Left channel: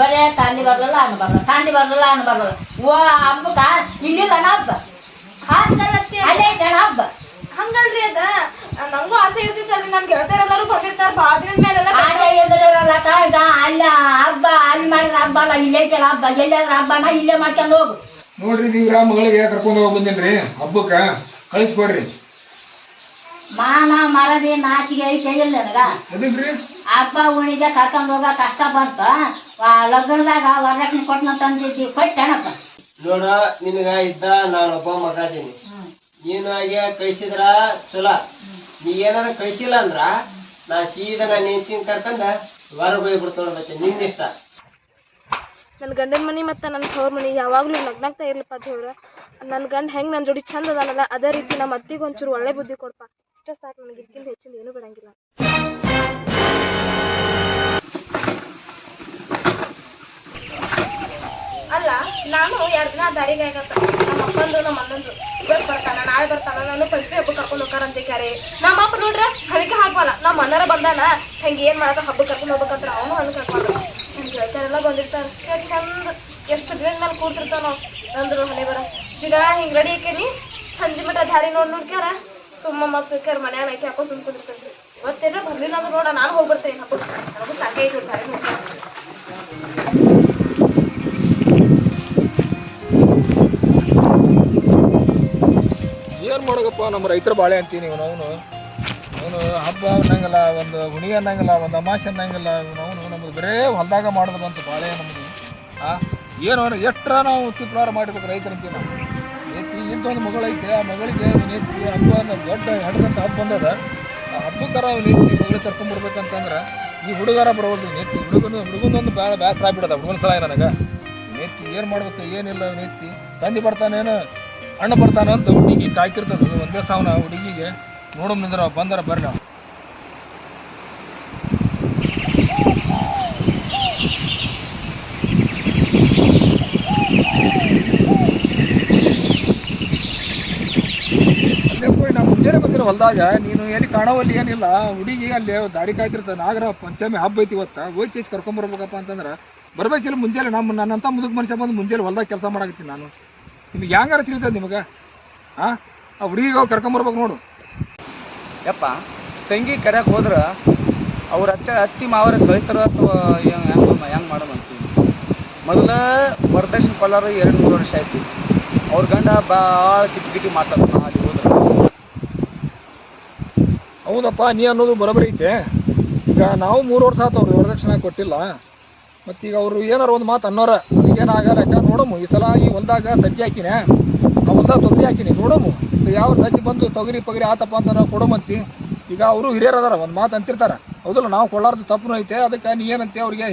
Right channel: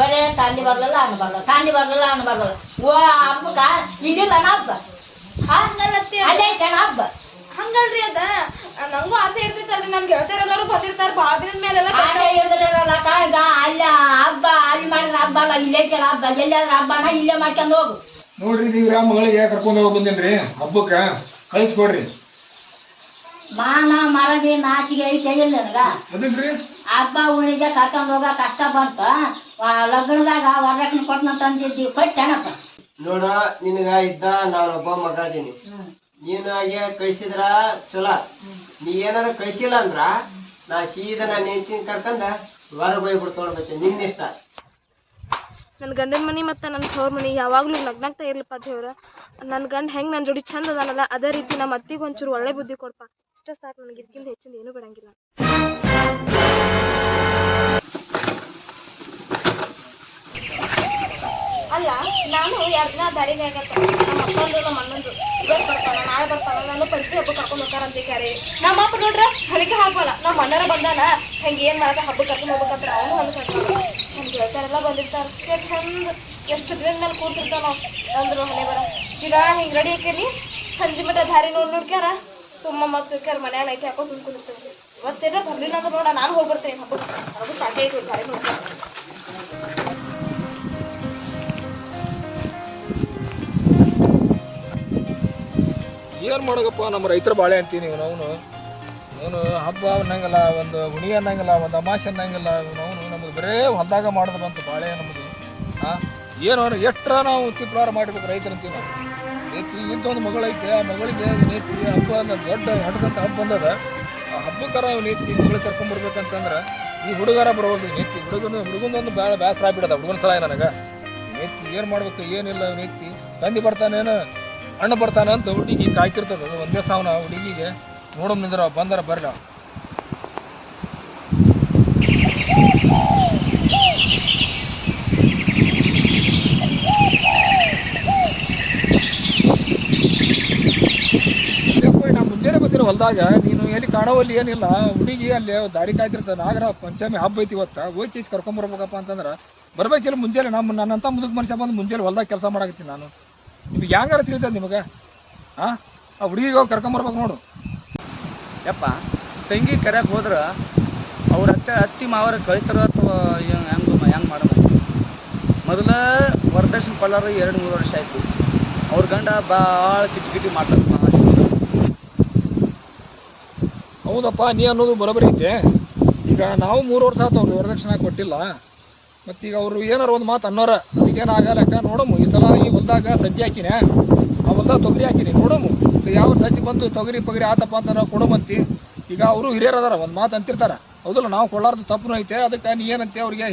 ಬರೇ ತಂದಿ ಬರ್ಲಲ್ಲ ಅನ್ನ ಬರಲ್ಲ ತಂದಿ ಬರ್ಲಲ್ಲ ಅನ್ನ ಬರಲ್ಲ ಓ ಹಬ್ಬಕ್ಕ ಇಲ್ಲಿಲ್ಲ ಹಬ್ಬ ಹಂಗಲ್ಲತ್ತಿ ಅದೇ ಕಣ ಹಬ್ಬ ಹಂಗಲ್ರಿ ಅದ ನಂಗೂ ಆಸೆ ಇರ್ತಿತ್ತಲ್ರಿ ನನ್ ಗೆಳತಿಯರೆಲ್ಲರೂ ಬಂದಿರ್ತಾರ ಬಾಳ ದಿನದ ಮೇಲೆಲ್ಲ ಈಗ ಅಲ್ಲ ಹಬ್ಬ ಅಲ್ಲಿ ಮಾಡಿದ್ರೆ ಹಬ್ಬ ಅಲ್ಲ ಇಲ್ಲೇ ಕೆಲ ಹಬ್ಬ ಎಲ್ಲಾದ್ರೂ ಹಬ್ಬನ ಇಲ್ಲೇ ಮಾಡ್ಕೊಂಡು ಹೋಗು ನೋಡ್ರಿ ನೀವ್ರ ಮಗಳಿಗೆ ಕರ್ಕೊಂಡು ಹೋಗಿ ಬಂದೇನ್ರಿ ಹಬ್ಬಕ್ಕ ಕಳಿಸ್ಕೊಡ್ರಿ ಮಾನ ಮರದಿ ನಾಚಿಗೆ ಐತೆ ಇಲ್ಲ ನನಗ ಅದನ್ರಿ ಹಬ್ಬ ಉಣಿಗೆ ಕರ್ಕೊಂಡು ಹೋಗ ಕಷ್ಟ ಬಂತ ಲಗ್ನದಾಗ ವರದಕ್ಷಿಣೆ ಕೊಟ್ಟಂತಿದ್ದೀವಿ ಕೊಟ್ಟೆನಪ್ಪ ನೋಡ ನಿನಗ ಇದ್ದ ನಾನೊಬ್ಬ ಮಗ ಅದೀನಿ ನೀನು ಹಾಗೆ ಕಳಿಸಿದ್ರ ಚಲೋ ನೀ ಏನಾರ ಕಳಿಸಿಲ್ಲ ಅಂದ್ರ ನಾ ಸೀದಾ ನಾನು ಹೆಂಡತಿನ ಕರ್ಕೊಂಡ ಹೊರಗೆ ಹೋಗ್ಬಿಡ್ತಾಳ ಮತ್ತೆ ನಿನ್ನಿಷ್ಟ. ನನ್ನ ಗಂಡನ ಮನಿ ಮತ್ತು ನನ್ನ ತವ್ರ ಮನಿ ಯಾವಾಗಲೂ ನಗ್ನಾಗ್ತಾ ಇರ್ಲಪ್ಪ ದೇವ್ರ. ನನ್ನ ಗಂಡ ಹೆಂಗೆ ನನ್ನ ಜೋಡಿ ಚಂದ ಅದಾನಲ್ಲ ಅದೇ ರೀತಿ ನಮ್ಮ ಅತ್ತಿಗೆ ಒಂಚೂರು ಒಳ್ಳೆ ಬುದ್ಧಿ ಕೊಡಪ್ಪ. ಇಷ್ಟ ಸಾಕು ನನಗೆ, ಇದಕ್ಕಿಂತ ಹೆಚ್ಚಿಂದ ಏನೂ ಬಿಡಂಗಿಲ್ಲ. ಅಲ್ಲ ನಾನು 2 ದಿನ ದಾರಿಗೆ ಆಗತ್ತ ನಮ್ಮ ಅಪ್ಪಂದು ನಮ್ಮ ಅಣ್ಣಂದು ಇವತ್ತು ಬರ್ತಾನ ನಾಳೆ ಬರ್ತಾನ ನಾನು ಪಂಚಮಿ ಹಬ್ಬ ಕರ್ಕೊಂಡು ಹೋಗ್ತಾರಂತ ಕ್ಯಾರೆ. ನಮ್ಮ ಅಪ್ಪ ನೋಡ್ರ ಹಳಿಕೆ ಹಾಕಲ್ಲ, ನಮ್ಮ ಅಣ್ಣರ ಬಂದಾನ ಹೆಂಗೆ ಏನು ಮಾಡಕ ಹಬ್ಬ ಕರ್ಕೊಂಡು ಹೋಗ್ಬೇಕಂತ ಅವನು ಹಣ್ಣು ಕರ್ಕೊಂಡು ನನ್ನ ಗೆಳತಿಯರೆಲ್ಲ ಬಂದಿರ್ತಾರೆ. ಚಂದ ಎಷ್ಟು ದಿನದ ಮೇಲೆ ಕೂಡ್ತಿರ್ತಾನೋ ಅಂದ್ರು ಹಣೆ ಬರ ಗಿಡ ಹಿಂಗೆ ರೆಡಿ ಹಾಕೇನಿ ಸಂಜೆ ಮಟ್ಟ ದಾರಿ ನೋಡ್ಕ್ಯಾರ ಸುಮ್ಮ ಮಕ್ಳು ಮನ್ಯಾಗ ನೈಕಿ ಹಾಕೋ ಸುಮ್ ಕುದಿರ್ತೇನೆ. ಇವತ್ತೇನ ಬರ್ಲಿಲ್ಲ ಅಂದ್ರೆ ನೋಡ ನಾನು ಹೋಗಿ ಬರ್ತೇನೆ ಹಬ್ಬಕ್ಕೆ, ನನಗೂ ಸಾಕೆ ಐತಿ ದಾರಿ ನೋಡ್ತಾರೆ. ಏನು ಮಾಡೋಗಪ್ಪ ನಮ್ಮ ರೈತರ ಬಾಳೆ ಅಂತೀನಿ ಅವನು ಹಬ್ಬ ಅನ್ನಂಗಿಲ್ಲ, ಒಂದು ಹುಣಿ ಅನ್ನಂಗಿಲ್ಲ, ಒಂದು ಅಮಾಸೆ ಅನ್ನಂಗಿಲ್ಲ. ಅವನು ನಮ್ದು ಬರೇ ಹೊಲ್ದಾಗ ಮಾಡೋದು ಬಂತು ಬಾಳೆ ನಮ್ಮದು. ಏನು ಎಷ್ಟರ ನಾವು ಚಿಪ್ಲಾರ ಮಾಡಿರ್ಬೇಕು ರೈತರಂತೀವಿ ನಾವು. ನೇತಿ ಇಂಥೊಂದು ಮಗಳೈತೆ, ಆ ಮಗಳಿಗೆ ನೇತಿ ಹಬ್ಬ ದೊಡ್ಡ ಹಡ್ರಂತ ಹಬ್ಬ ಬಂದದ. ಆ ಹಬ್ಬಕ್ಕಾರ ನೇತಿ ಮಗಳು ಕರ್ಕೊಂಡ್ಬರ್ಬೇಕಂತಂದ್ರೆ ಈ ಹುಡುಗಾರ ಬರೋದು ನೇತಿ ಹುಡುಗನೊಂದು ಬೇಸರ ಆಗ್ಬಿಡದ ಹುಡುಗನ ಸಲ ನನಗೆ. ನೇತಿ ಏನು ಮಾಡ್ಬೇಕು ಏನಿಲ್ಲ ನೇತಿ ತಂದೆ ಬರ್ತಾನೇನು ಅಣ್ಣ ಬರ್ತಾನ ಅಂತ ಹುಡುಗಿ ಕಾಯ್ತಿರ್ತದ ಒಂದೇ ಸಾವನ ಹುಡುಗಿಗೆ ನೋಡಮ್ ನಿಂದ್ರ ಬಂದಾರ ಬರ್ಲಿ. ನಾ ಮುಂಜಾನೆ ಬಂದಿರೋ ಹೊಲ್ದಾಗ ನೀನು ಎಲ್ಲಿ ಕಾಣೋವಲ್ಲಿ ಏನಿಲ್ಲ ಹುಡುಗಿ ಅಲ್ಲಿ ದಾರಿ ಕಾಯ್ತಿರ್ತದೆ. ನಾಗರ ಪಂಚಮಿ ಹಬ್ಬ ಐತಿ ಇವತ್ತ ಹೋಗಿ ಕೇಸ್ ಕರ್ಕೊಂಬರ್ಬೇಕಪ್ಪ ಅಂತಂದ್ರೆ ಬರ್ಬೇಕಿಲ್ಲ ಮುಂಜಾನೆ. ನನ್ನಂತ ಮುದುಕ್ ಮನುಷ್ಯ ಬಂದು ಮುಂಜಾನೆ ಹೊಲ್ದಾಗ ಕೆಲಸ ಮಾಡಕತ್ತೀನಿ ನಾನು. ನಿಮ್ಗೆ ಹೆಂಗಾರ ತಿಳಿತದ ನಿಮಗೆ? ಆ ಹುಡುಗಿಗೆ ಹೋಗಿ ಕರ್ಕೊಂಬರ್ಬೇಕು ನೋಡು. ಯಪ್ಪ ತಂಗಿ ಕರೆಯಕ್ಕೆ ಹೋದ್ರೆ ಅವ್ರ ಅತ್ತಿ ಮಾವರ ಕಳಿತಾರ ಅಥವಾ ಹೆಂಗೆ ಮಾಡೋದು? ಮೊದಲ ವರದಕ್ಷಿಣೆ ಕೊಲ್ಲರು 2-3 ವರ್ಷ ಆಯ್ತು. ಅವ್ರ ಗಂಡ ಭಾಳ ಕಿಟಿ ಮಾಡ್ತಾರೆ. ಹೌದಪ್ಪ ನೀ ಅನ್ನೋದು ಬರೋಬರಿ ಐತೆ. ಈಗ ನಾವು 3 ವರ್ಷ ಆಯ್ತು ಅವ್ರು ವರದಕ್ಷಿಣೆ ಕೊಟ್ಟಿಲ್ಲ. ಮತ್ತೀಗ ಅವರು ಏನಾರು ಒಂದು ಮಾತು ಅನ್ನೋರ ಅದಕ್ಕೇನಾಗಲ್ಲ. ನೋಡಮ್ಮ ಈ ಸಲ ಈ ಹೊಲ್ದಾಗ ಸಜ್ಜಿ ಹಾಕಿನೇ, ಆ ಹೊಲ್ದಾಗ ತೊಗರಿ ಹಾಕಿನಿ ನೋಡಮ್ಮ. ಯಾವ ಸಜ್ಜಿ ಬಂದು ತೊಗರಿ ಪಗರಿ ಆತಪ್ಪ ಅಂತ ನಾವು ಕೊಡಮಂತಿ. ಈಗ ಅವರು ಹಿರಿಯರು ಅದಾರ ಒಂದು ಮಾತು ಅಂತಿರ್ತಾರೆ ಹೌದಲ್ಲ. ನಾವು ಕೊಡಲಾರ್ದು ತಪ್ಪು ಐತೆ. ಅದಕ್ಕೆ ನೀ ಏನಂತೆ ಅವ್ರಿಗೆ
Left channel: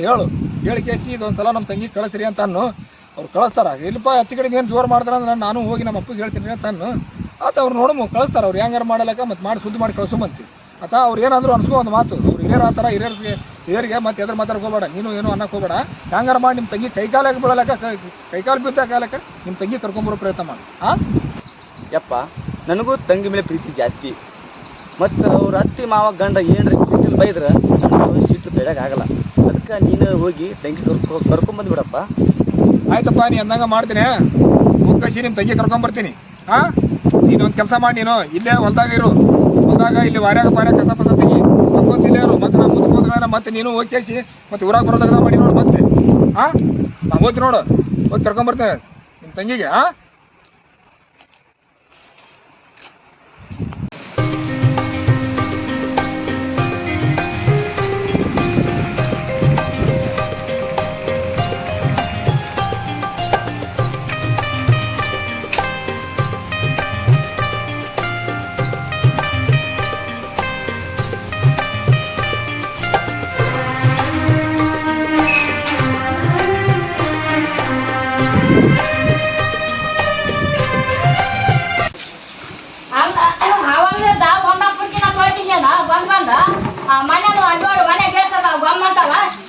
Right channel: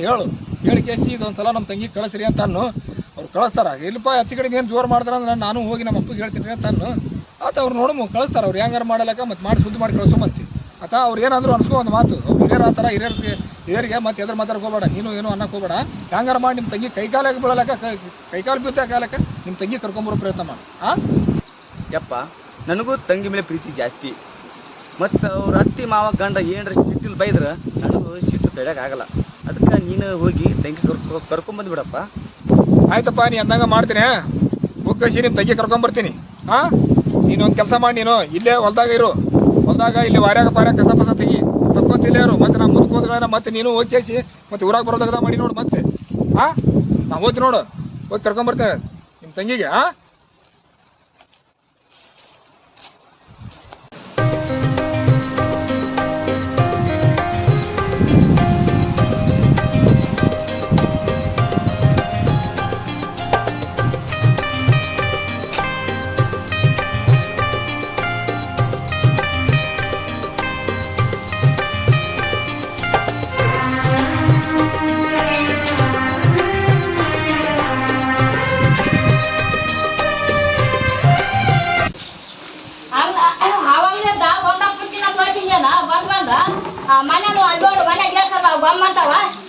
ಹೇಳಿ ಕೇಸಿ ಇದೊಂದು ಸಲ ನಮ್ಮ ತಂಗಿ ಕಳಿಸ್ರಿ ಅಂತ ಅನ್ನು ಅವ್ರು ಕಳಿಸ್ತಾರ. ಇಲ್ಲಪ್ಪ ಹೆಚ್ಚು ಕಡೆ ಏನು ಜೋರು ಮಾಡ್ತಾರ ಅಂದ್ರೆ ನಾನು ಹೋಗಿ ನಮ್ಮ ಅಪ್ಪಗೆ ಹೇಳ್ತೀನಿ ಅಂತ ಅನ್ನು ಆತ ಅವ್ರು ನೋಡಮ್ಮ ಕಳಿಸ್ತಾರೆ. ಅವ್ರು ಹೆಂಗಾರು ಮಾಡಲಕ್ಕ ಮತ್ತು ಮಾಡಿ ಸುದ್ದಿ ಮಾಡಿ ಕಳಿಸೋಮಂತಿ. ಆತ ಅವ್ರು ಏನಾದರೂ ಅನ್ಸ್ಕೊ ಒಂದು ಮಾತು. ಅವ್ರು ಹಿರಿಯರು ಆ ಥರ ಹಿರಿಯರಿಗೆ ಮತ್ತೆ ಎದ್ರ ಮಾತಾಡ್ಕೋಬೇಡ, ನೀನು ಏನು ಅನ್ನಕ್ಕೆ ಹೋಗಬೇಡ. ಹೆಂಗಾರು ಮಾಡಿ ನಿಮ್ಮ ತಂಗಿ ಕೈಕಾಲಾಗಿ ಬೀಳಲಕ್ಕ ಕೈಕಾಲು ಬಿದ್ದಾಗಲಕ್ಕ ನಿಮ್ಮ ತಂಗಿ ಕರ್ಕೊಂಬರೋ ಪ್ರಯತ್ನ ಮಾಡಿ. ಯಪ್ಪ ನನಗೂ ತಂಗಿ ಮೇಲೆ ಪ್ರೀತಿ ಜಾಸ್ತಿ. ಮತ್ತು ಅವ್ರ ಅತ್ತಿ ಮಾವ ಗಂಡ ಏನರ ಸಿಟ್ಟಿಲ್ ಬೈದ್ರೆ ನನಗೂ ಸಿಟ್ಟು ತಡೆಯೋಕ್ಕಾಗಲ್ಲ. ಅದಕ್ಕೆ ನೀನು ಹೋಗಿ ತಂಗಿ ಕರ್ಕೊಂಬಂದ್ಬಿಡಪ್ಪ. ಆಯ್ತಪ್ಪ ನೀ ಅಂದಂಗೆ ಮಾಡ್ತೀನಿ. ಮುಗ್ಗಸಿ ನಿಮ್ಮ ತಂಗಿ ಕರ್ಕೊಂಬರ್ತೀನಿ. ನೀನೊಂದು ಕೆಲಸ ಮಾಡಿ, ನೀನು ಇಲ್ಲೇ ಹೊಲ್ದಾಗ ಇರು. ಹೊಲ್ದಾಗ ಇಲ್ಲಿ ವಾರ್ಯಾಗ ಕಸ ಪಸ ತೆಗಿ ತಕ್ಕೊಂತ ಇಲ್ಲೇ ಇರು. ಮತ್ತೆ ನಾವು ಮುಂದಕ್ಕೆ ಹೋದ್ರೆ ಮತ್ತೆ ನೀನು ಹೋಗಿ ಮತ್ತೆ ಊರಾಗ ಬರೋದಾಗ ಮಾಡಿ ನೋಡು. ಮತ್ತೆ ನಾವು ಹೋಗಿ ನೋಡು, ಹೋಗಿ ಕರ್ಕೊಂಬರ್ತೇವೆ ನಿಮ್ಮ ತಂಗಿಗೆ.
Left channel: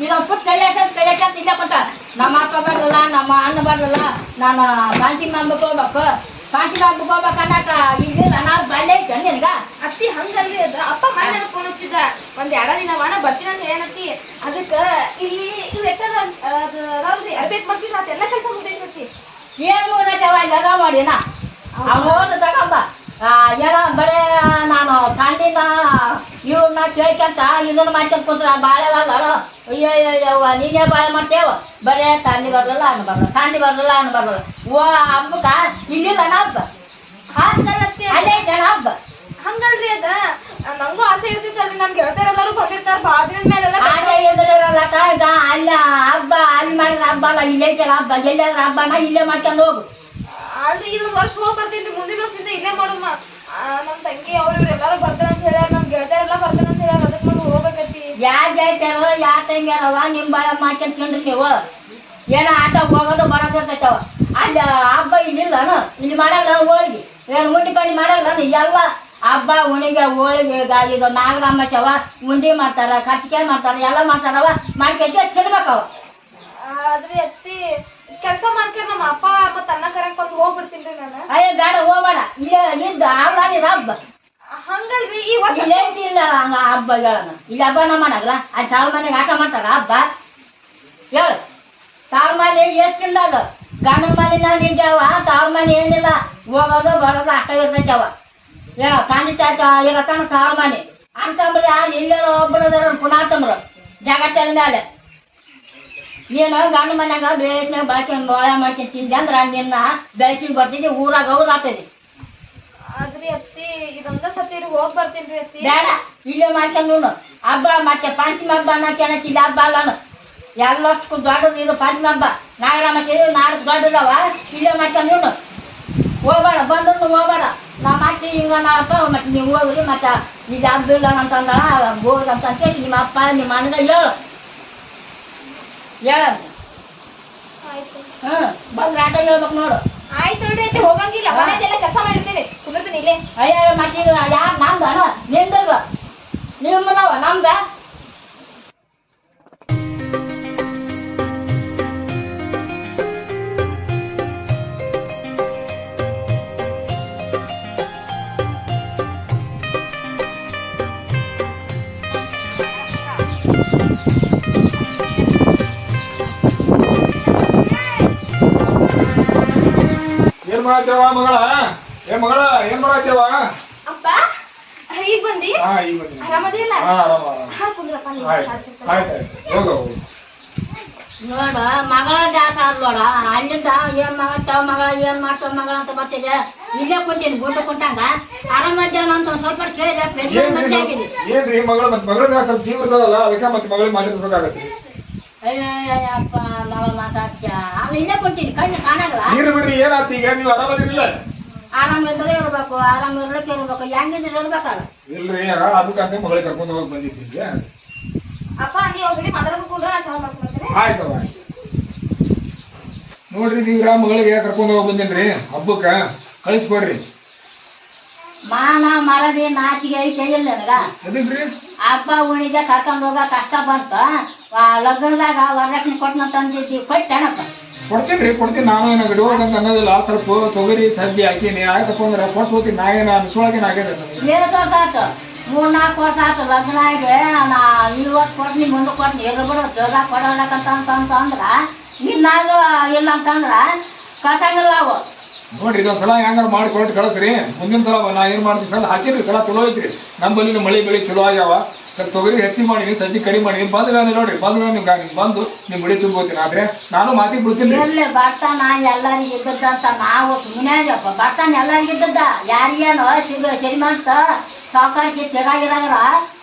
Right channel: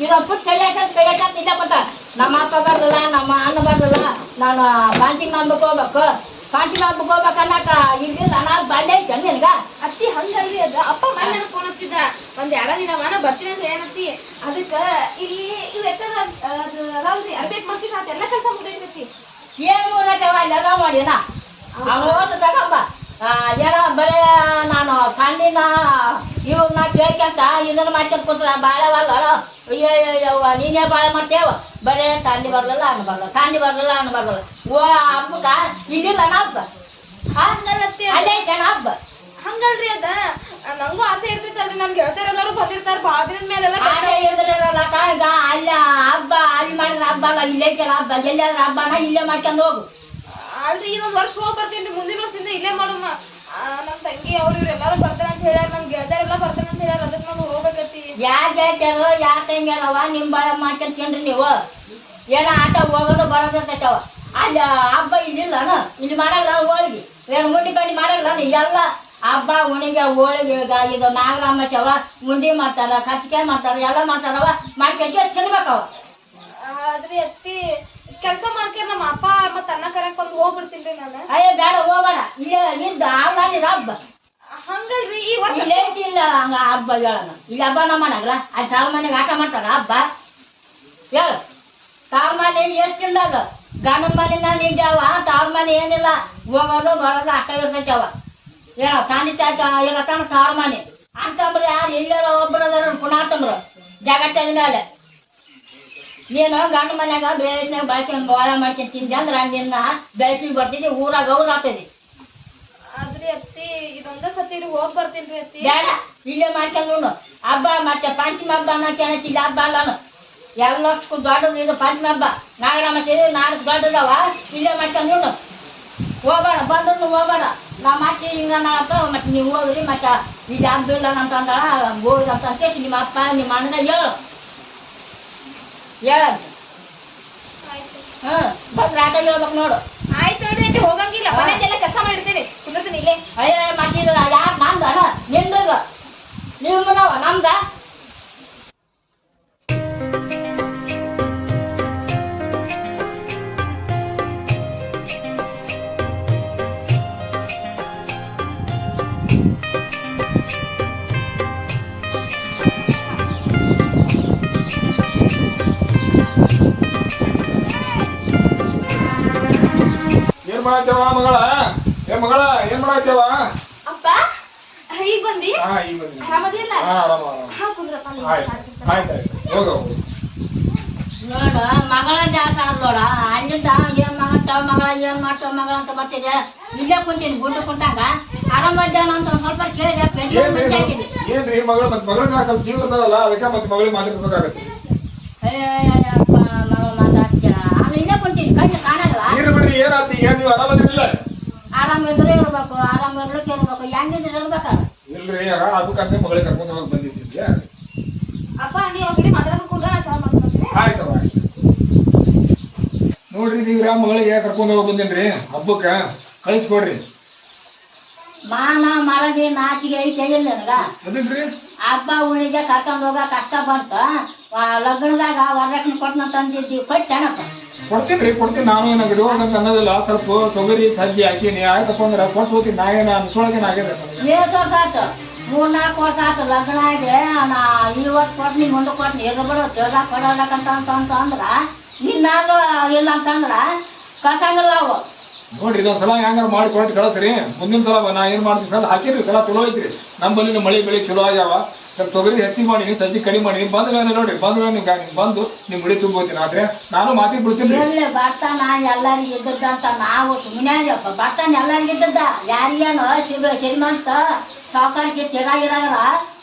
ಇದೊಂದು ಪುಟ್ ಕೈಯಾಕ ಇಲ್ಲ ಕೊಟ್ಟ. ನಮ್ಮ ಅಪ್ಪ ಬರಲ್ಲ, ನಮ್ಮ ಅಣ್ಣ ಬರಲ್ಲ, ನಾನು ಕಾಂಚಿ ಹಬ್ಬಕ್ಕೆ ಹೋಗ್ಬೇಕು. ಕಾಂಚಿ ಹಬ್ಬಕ್ಕೆ ಹೋಗ್ಬೇಕು ಅನ್ನಕ ಈಗಿಲ್ಲ ನಾನು ಬಾಲ್ಯ ಐತೆ ನಿನಗ. ಅತ್ತಿ ಹಂಗಲ್ರಿ ಅದು. ಅಪ್ಪ ಮನೆ ಫೋನ್ ಹಚ್ಚಿದ 1-2 ದಿನ ಬರ್ತೀನಿ ಅಂತ ಏನತ್ತಿ. ಅದಕ್ಕೆ ಇಲ್ಲಿ ಇವು ಎಷ್ಟದ ಅದು ಮಾಡಿನ ಅವ್ನು ಓದು ತಗೊಂಬ ಏನೋ ಬರೇ ನಾನು ತಂಡಿನ ಇವ್ರನ್ನ ಕೇಳ್ಕೊಂತ ಇದನ್ನ ಮಾಡ್ಕೊಂತ ಕೂತ್ರ ಬಾಳೆವಲ್ಲ ಅಯ್ಯಯ್ಯವ್ವ ನೀನೇ ಬಾಳೆ ಮಾಡ್ತೇವ ಬರೇ ತಂಡಿ ಬರ್ಲಿಲ್ಲ ಹಣ್ಣು ಬರಲ್ಲ ತಂಡಿ ಬರ್ಲಿಲ್ಲ ಹಣ್ಣು ಬರಲ್ಲ ಓ ಹಬ್ಬಕ್ಕ ಇಲ್ಲಿಲ್ಲ ಹಬ್ಬ ಹಂಗಲ್ಲತ್ತಿ ಅದೇ ಜನ ಹಬ್ಬ ಹಂಗಲ್ರಿ ಅದ ನಂಗೂ ಆಸೆ ಇರ್ತಿತ್ತಲ್ರಿ ನನ್ ಗೆಳತಿಯರೆಲ್ಲರೂ ಬಂದಿರ್ತಾರ ಬಾಳ ದಿನದ ಮೇಲೆಲ್ಲ ಅದೇ ಎದುರಿರಲ್ಲಕ್ಕ ಈಗ ಅಲ್ಲಿ ಹಬ್ಬ ಅಲ್ಲಿ ಮಾಡಿದ್ರೆ ಹಬ್ಬ ಅಲ್ಲ ಇಲ್ಲೇ ಐತಲ್ಲ ಹಬ್ಬ ಎಲ್ಲಾದ್ರೂ ಹಬ್ಬನ ಇಲ್ಲೇ ಮಾಡ್ಕೊಂಡು ಹೋಗು ಅಲ್ರಿ ಇದೊಂದ್ ವರ್ಷ ಹೋಗಿ ಬರ್ತೀನಿ ಮುಂದಿನ ವರ್ಷದಿಂದ ಇಲ್ಲೇ ಮಾಡುಮ್ಮ ನಮ್ ತಂಗಿ ಅವ್ರು ಇವ್ರೆಲ್ಲಾರು ಬರ್ತಾರ ಅಂತ ಹೇಳ್ಯಾರ ನಮ್ ಗೆಳತಿಯರೆಲ್ಲ ಬರ್ತಾರ ಅಂತ ಹೇಳ್ಯಾರ ಅದಕ್ಕೆ ನಾನು ಹೋಗ್ಬೇಕತ್ತಿ ಯಾರ ಗೆಳತಿಯರು ಯಾರ ತಂಗ್ಯಾರವ ನಿಮ್ ಬಾಳ ಮಾಡ್ಕೊಂಡ್ ತಿನ್ರಿ ನೀವು ಏನೋ ಆಟ ಹೋಗೋದು ಬರೋದಕ್ಕವ ಅಲ್ಲಿ ಹಬ್ಬ ಇಲ್ಲಿಲ್ಲನು ಇಲ್ಲಿ ಮಾಡಲ್ಲ ಹೋಳಿಗೆ ಏನು ಉಂಡಿ ಪಂಡಿ ಮಾಡಲ್ಲ ಎಲ್ಲ ಹಬ್ಬ ಉಣಿಗೆ ಹೋಳಿಗೆ ಇದು ನಾಗರಾಮಚವ ಉಂಡಿ ಮಾಡ್ತಾರ ಕಚ್ಚಿಕಾಯಿ ಮಾಡ್ತಾರ ಎಲ್ಲ ಮಾಡ್ತಾರವ ಮಾಡ್ಕೊಂತ ತಿನ್ಬೇಕವ ಆದ್ರಿ ಅತ್ತಿ ಕೆಲ್ಸ ಮಾಡ್ಕ್ಯಾರ ನಮ್ಮ ಅಪ್ಪ ಮತ್ತ ಅನ್ನ ಕರೆಕೊಂಡ್ ಹೋಗ್ಬಿಡ್ತೀನಿ ನಾನು ಅಯ್ಯ ಬೇಡ ಹೋಗೋಣ ಇಲ್ಲೇ ಇದ್ದ ಆಗಿರ ಹಬ್ಬ ಹಂಗಲ್ರಿ ಈ ವರ್ಷ ಇಲ್ಲೇ ಇಲ್ಲ ಹಂಗ ಹಬ್ಬ ಹೇಳೋಣ ಇಲ್ಲಿ ಹಬ್ಬನ ಮಾಡಲ್ಲ ಅಲ್ಲಿ ತಾವ್ ಮನೆಗೆ ಆಟ ಮಾಡ್ತಾರ ಹಬ್ಬ ಹೇಳು ತಾವ್ ಮನೆ ಎಷ್ಟಿಲ್ಲ ಅದು ಗಂಡನ ಮನೆನ ನಿಲ್ದಾವ ತಾವ್ ಮನೆ ಏನಿಲ್ಲ ಹೋಗೋದು ಬರೋದು ಅಷ್ಟ ಇರ್ತೈತವ ಏನೋ ತಂದೆ ತಾತ ಇರತನ ತಾವ್ ಮನೆ ಅಂತಂಬ್ರಿ ಯಾರು ಇಲ್ಲೇ ಒಬ್ಬರದ ಪುನಾತಂಬ್ರು ಜಗತ್ತಿನ ಮೇಲೆ ನೀನು ಗಂಡ ಮನ್ಯಾಗ ಬೇಸ್ನಾಗ ಬಳಕೆಂದು ಬಾಳೆ ಮಾಡ್ಕೊಂಡು ತಿಂದೆ ಅಂದ್ರೆ ನಿನ್ನ ಬೆಳಕಿಗೆ ಬರ್ತಿದ್ದೆ ಊರಾಗ ಹೋಗಿ ಆಗ್ತದೆ ಆದ್ರಿ ಅತ್ತಿ ಇದೊಂದ ಸತಿ ಹೋಗ್ ಬರ್ತೀನಿ ಅತ್ತಿ ಬೇಡ ಇಲ್ಲೇ ಮಾಡ್ಕೊಂಡು ಹಬ್ಬ ಮತ್ತೆ ಪಂಚಮಿ ಹಬ್ಬ ಅನ್ನಕ್ಕೆ ಇಲ್ಲಿ ಹಬ್ಬ ಅಲ್ಲನು ಎಲ್ಲಷ್ಟು ದೊಡ್ಡದು ಇದು ಪಂಚಮಿ ಹಬ್ಬ ನಾಗರಾಮ ನಾಲ್ಕು ದೊಡ್ಡದವ ಇಲ್ಲೇ ಮಾಡ್ಕೊಂಡು ಹೋಗೋಣ ಬಂದು ಹೋಗೋಣ ನಾ ಮತ್ತೆ ಹಿಂಗ ಮಾಡತ್ತ ಮತ್ತೆ ನೀವು ಹೋಗ್ರಿ ಮತ್ತೆ ಇದು ಹಬ್ಬ ಇಲ್ಲ ಅಂತಂದ್ರ ಹೋಗುದಂತ ಕೇಳಿ ನಿಮ್ಮ ಅಪ್ಪ ನಿಮ್ಮ ಅಣ್ಣ ಹೇಳು ಆಯ್ತು ಬಂದ್ರೆ ಆಟ ಹೇಳ್ಬೇಕು ನೋಡು ಆಯ್ತು ನೋಡ್ರಿ ಅತ್ತಿ ಹೋಗಂಗಿಲ್ಲ ಮನೆಯದೆಲ್ಲ ಕೆಲಸ ಮಾಡಿರ್ತೇನೆ ಕುಂದಿರ್ತೀನಿ ಇಲ್ಲೇ ಅಯ್ಯ ಮತ್ತೆ ಇದು ಯಾರು ನಮ್ದ ನಿಂದದ ನಿಮ್ಮನವ ನಮ್ದ ಏನ್ ಮಾಡತ್ತೇವ ಮಗಳ ಮಗಳ ಏನ್ ಮಾಡತ್ತೇವ ಅಪ್ಪ ಈಗ ಬಂದಿ ಹಾ ಈಗ ಬಂದಿನಿ. ಆರಾಮದಿಲ್ಲ ಹಾ ಆರಾಮ ಆರಾಮ ಹಾ ಕುಂದ್ರಪ್ಪ ನೀವು ಆಯ್ತು ಆಯ್ತು ಹೋಗ ಹೋಗು ನೋಡ ಮಗಳ ಜಾಸ್ತಿ ಆದ್ಲೋಡ ಅಲ್ಲಿಂದ ಏನ್ ಮಗ ತವ ಮಗಳ ಏನ್ ಮಾಡ್ತಾವ ಮಗಳ ಅಂತ ಬರ್ತಿದೆ ಇಲ್ಲೇ ಕುಂತೀನಿ ಗುಂಡು ಕುಂತಂಗ ಆರಾಮದ್ದೇನ ಅಂತ ಒಂದ್ ಸ್ವಲ್ಪ ಕೇಳಿದೆ ಪೆನ್ಷನ್ ಮತ್ತೆ ಹಾಕಿದೆ ಏನ್ರಿ ಮಗಳ ಮತ್ತೆ ಮಗಳ ಮ್ಯಾಗ ಸ್ವಲ್ಪ ಜೀವ ಇರ್ತದಲ್ಲ ಅದಕ್ಕೆ ಮತ್ತೆ ಮಗಳಿಗೆ ಮಾತಾಡ್ಬೇಕಾಗತ್ತೆ ಅಯ್ಯಪ್ಪ ಮಗಳ ಮಾತಾಡ್ತ ಅಲ್ಲಿ ಇಲ್ಲೇ ಕುಂತೀನಿ ಕಣ್ಣು ಕಾಣಲ್ಲ ನೀರು ಬಿಡ್ರಿ ಏನಾಯ್ತು ಈಗ ನೀವು ಆರಾಮದಿರಿಲ್ಲ ಆರಾಮ್ ಇದ್ರೆ ಇರ್ಬೇಕು ಆರಾಮ್ ಇರ್ಲಿಕ್ಕೆ ಇರ್ಬೇಕು ಹೆಂಗಿದ್ರೆ ಇರ್ಬೇಕಲ್ಲ ಇಲ್ರಿ ಅದಕ್ಕಂತ ಮಗಳಿಗೆ ಕರ್ಕೊಂಡು ಹೋಗಿ ಬಂದಿದ್ದೀವಿ ಅಪ್ಪ ನೀವು ಹುಡಿ ಮಾತಾಡ್ಕೊಂಡ್ರೆ ನಾನು ಚಾಲು ಮಾಡ್ತೀನಿ ಆಯ್ತವ ಆಯ್ತು ನೋಡ್ರಿ ನೀವ್ರ ಮಗಳಿಗೆ ಕರ್ಕೊಂಡು ಹೋಗಿ ಬಂದೇನ್ರಿ ಹಬ್ಬಕ್ಕ ಕಳಿಸ್ಕೊಡ್ರಿ ಮಾನ ಮರದಿ ನಾಚಿಗೆ ಐತೆ ಇಲ್ಲ ನನಗ ಎದಕ್ರಿ ಹಬ್ಬ ಉಣಿಗೆ ಕರ್ಕೊಂಡು ಹೋಗ ಕಷ್ಟ ಬಂತ ಲಗ್ನದಾಗ ವರದಕ್ಷಿಣೆ ಕೊಟ್ಟನ ತಂದಿದ್ದಿ ಕೊಟ್ಟೆನಪ್ಪ ಕೊಡ್ತೀನಿ ನಾನು ಏನ ಗಡಿಯೋಗಂತ ಅನ್ನೋದಿಲ್ಲ ಸ್ವಲ್ಪ ತೊಗರಿ ಸಜ್ಜಿ ಹಾಕೀನಿ ಆಯ್ತಪ್ಪ ಅಂದ್ರೆ ಕೊಟ್ಟು ಹೋಗ್ತೀನಿ ನಾ ಏನ ಅನ್ಸೊಳಗೇನ ಆಗ್ಯದ ನನಗೆ ಏಸ್ ವರ್ಷ ಆಯ್ತು 3-4 ವರ್ಷ ಆಯ್ತು ಲಗ್ನ ಆಗಿ ನಾ ಈ ವರ್ಷ ಕೊಡ್ತೀನಿ ಮುಂದೆ ಕೊಡ್ತೀನಿ ಎಲ್ರು ಜೋರ ಕೊಡೋಲಕ್ಕಂತ ಅಂದ್ರ ಇನ್ನಾದ್ರು ಇಲ್ಲ ಅಂತಂದ್ರ ಕಸಂಗಿಲ್ಲ ಅವು ನೋಡ್ರಿ ಇದೊಂದ್ಸಲ ಹೆಂಗಾರ ಮಾಡಿ ಕೊಟ್ಟು ಕಳಿಸ್ರಿ ಮುಂದಿನ ಸಲ ನಾ ಏನ್ ಮಾಡ್ತೀನಿ ಸಲ ಹಾಕಿದ್ರಿ ಸಲ ಚಲೋ ಐತ್ರಿ ನಮ್ಮಲ್ಲಿ ಮಳೆ ಬೆಳೆ ಚಲೋ ಆಗ್ಯಾವ ಸ್ವಲ್ಪ ತೊಗರಿ ಹೆಚ್ಚಿಗೆ ಮಾಡಿ ಸಜ್ಜಿ ಕಡಿಮೆ ಮಾಡಿ ಬಂದ್ರೆ ನೋಡ್ರಿ ಬಂದ್ರೆ ನಿಮ್ಗೆ ಬಂದು ನಿಮ್ ಗುಡಿ ತುಂಬೋತೀನಿ ಆದ್ರೆ ನಾನು ಮಾತಿಗೆ ಬಿಡ್ತೀನಿ ಎಲ್ಲಿ ಬರ್ತಾನ ಎಲ್ಲರಿಗೂ ಇದ್ದದ್ದಂತ ನಾವು ಸುಮ್ಮನೆ ಬರ್ತಾನ ಎಲ್ಲರಿಗೂ ಇದ್ದದ್ದ ಯಾರಿಗೇನು ಶ್ರೀಮಂತ ಸಾವುಕಾರಕ್ಕೆ ತೆಗಾಗಿರಾಗ್ರ